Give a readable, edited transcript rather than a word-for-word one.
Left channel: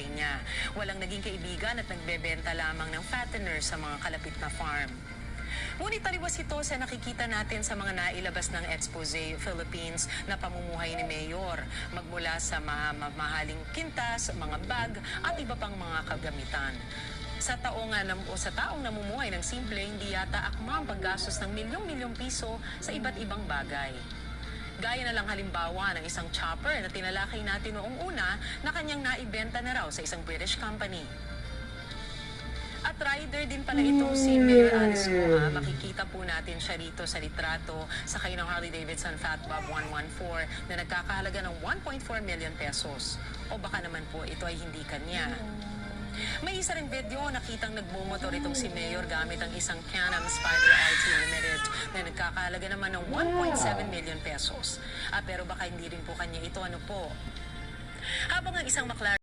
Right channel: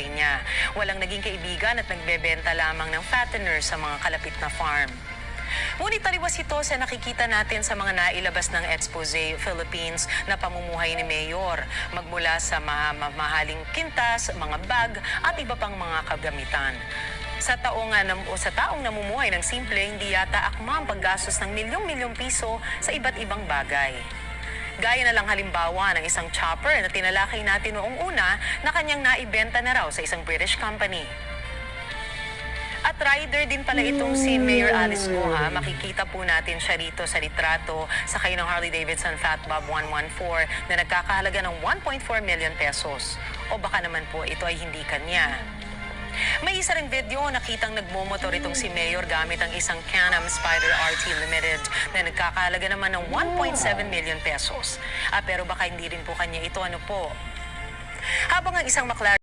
buhay niya. Walang naging kaibigan at nagbebenta lamang ng fattener sa mga kalapit na farm. Ngunit taliwas ito sa nakikita natin sa mga nailabas ng Expose Philippines na pamumuhay ni Mayor, magmula sa mamahaling kintas, mga bag at iba pang mga kagamitan. Sa taong namumuhay ng simple, hindi yata akma ang paggastos ng milyong-milyong piso sa iba't ibang bagay. Gaya na lang halimbawa ng isang chopper na tinalakay natin noong una na kanyang naibenta na raw sa isang British company. At rider din pala itong si Mayor Alice Moa. Makikita po natin siya rito sa litrato sakay ng Harley-Davidson Fatbob 114 na nagkakahalaga ng 1.4 million pesos. O baka naman po ito ay hindi kanya. May isa ring video nakitang nagmumotor itong si Mayor gamit ang isang Can-Am Spyder RT Limited na nagkakahalaga naman ng 1.7 million pesos. Pero baka hindi rin po kanya ito, Habang ang isang McLaren